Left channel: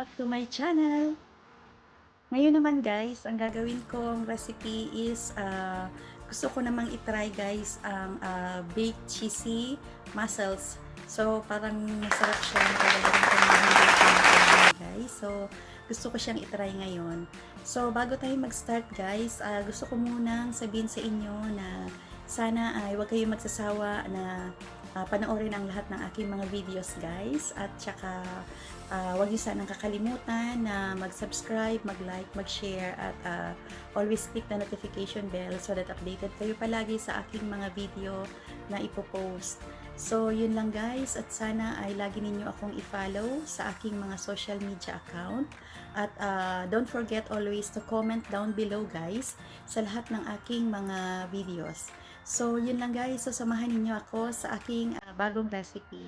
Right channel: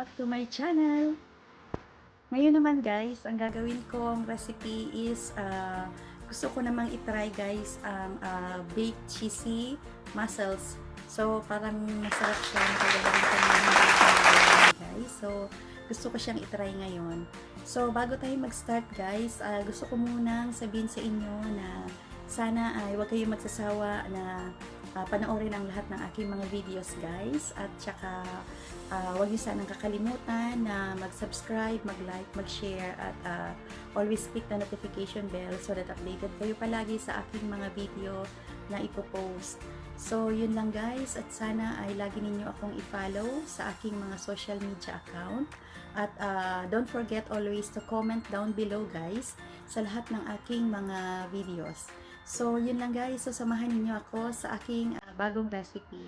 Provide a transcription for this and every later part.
Back to my channel. Ngayon naman guys, ang gagawin kong recipe is gusto ko namang itry guys ang baked cheesy mussels. So parang masarap siya, nakagalarin ko naman hindi guys. So gusto ko siyang itry ngayon. So bago tayo mag-start guys, gusto ko munang sabihin sa inyo na sana ay huwag kayong magsasawa na panoorin ang lahat ng aking mga videos guys, at saka huwag niyo sanang kakalimutan na mag-subscribe, mag-like, mag-share, at always click the notification bell so that updated kayo palagi sa aking mga video na ipopost. So yun lang guys, at sana ay lagi ninyo akong i-follow sa aking mga social media account, at don't forget always to comment down below guys sa lahat ng aking mga videos. So yun lang guys, so samahan niyo ako sa aking bagong recipe.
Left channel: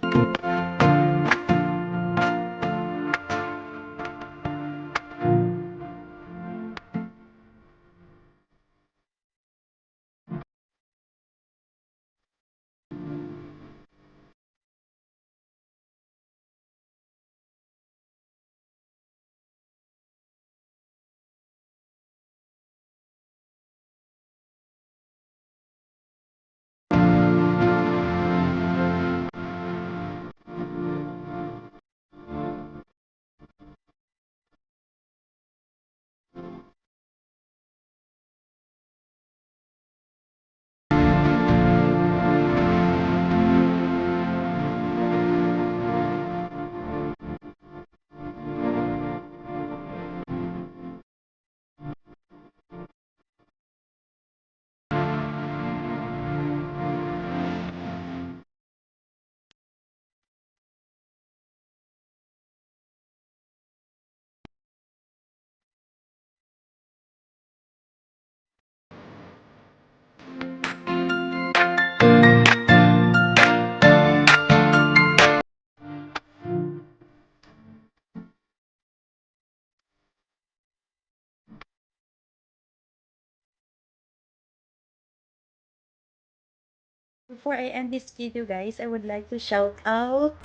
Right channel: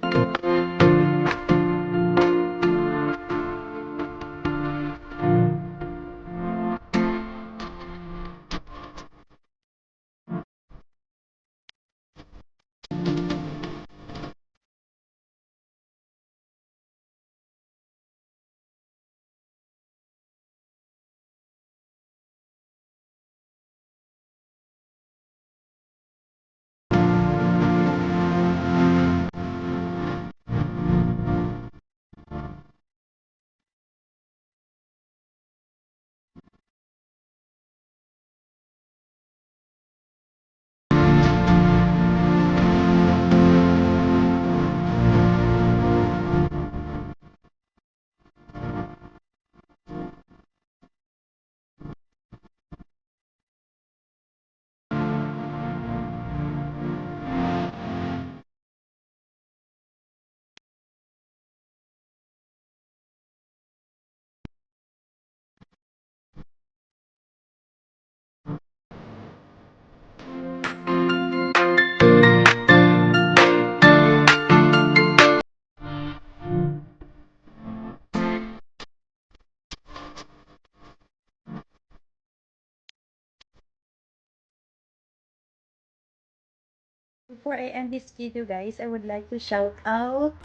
Before I end this video guys, I would like to shout out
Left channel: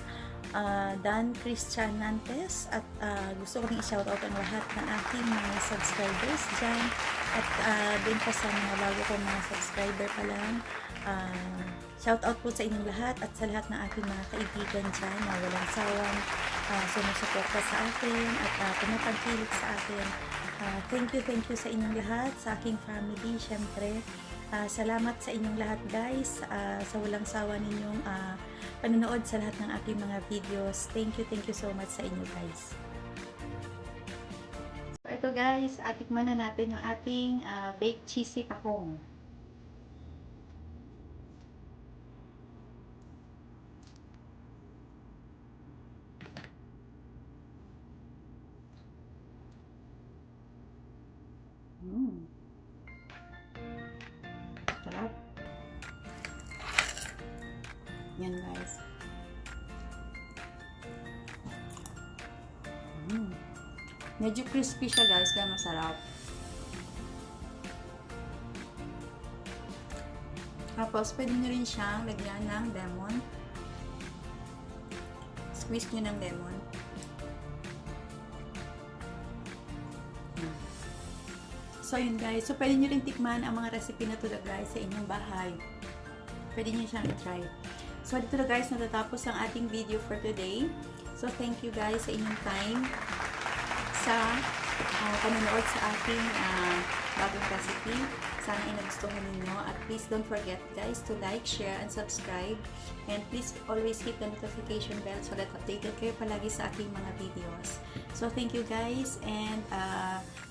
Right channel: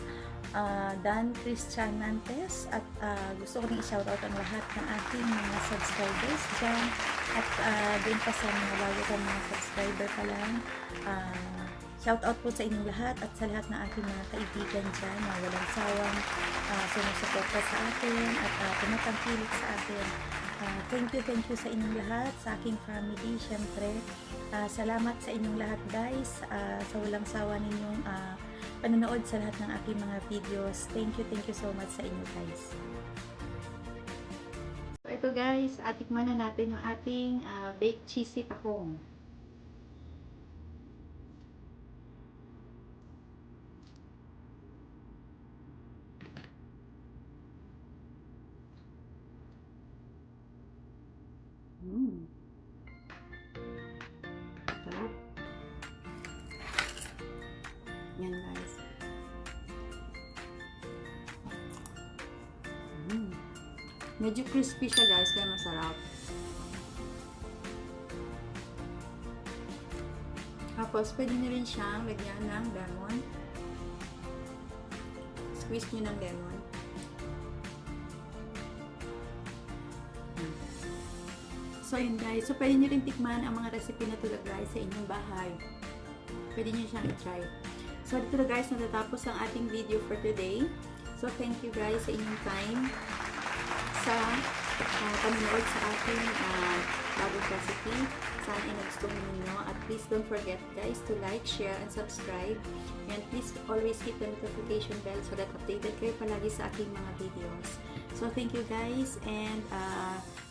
Dan Cristianantes, at gusto ko rin i-shout out ang lahat ng aking mga subscribers dyan, at din pa sa mga bago kong mga subscriber pa lang. Shout out po sa inyong lahat, at sa lahat ng aking mga kaibigan dyan na walang sawang sumusuporta sa akin at tumatangkilik sa akin. Thank you sa inyong lahat, sa aking family syempre. Salamat sa inyong lahat guys, sa walang sawa ninyong panonood sa lahat ng aking mga videos. Thank you so much sa inyo guys. So ito guys, tikman na natin yung ating baked cheesy tahong. Sarap. Yan guys. Medyo crispy siya guys, kaya masarap. Tapos pwede nyo rin siyang lagyan ng lemon. Squeeze nyo ng lemon. So yun guys, so pwede nyo rin tikman ang mga recipe na to guys sa inyong bahay. Pwede nyo siyang i-try. So dito na guys, natatapos ang ating video for today. So thank you guys sa inyong time sa panonood sa ating bagong recipe. Sana ay nagustuhan ninyo, at please don't forget guys to like, share, and subscribe, and please always hit the notification bell so that updated kayo palagi sa aking mga videos. So thank you guys, and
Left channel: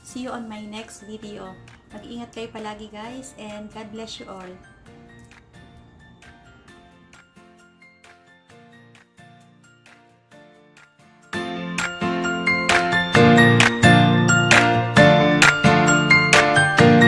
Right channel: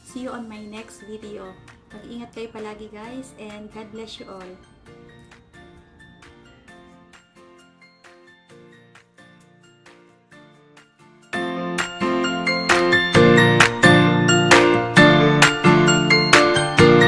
see you on my next video. Mag-ingat kayo palagi guys, and God bless you all.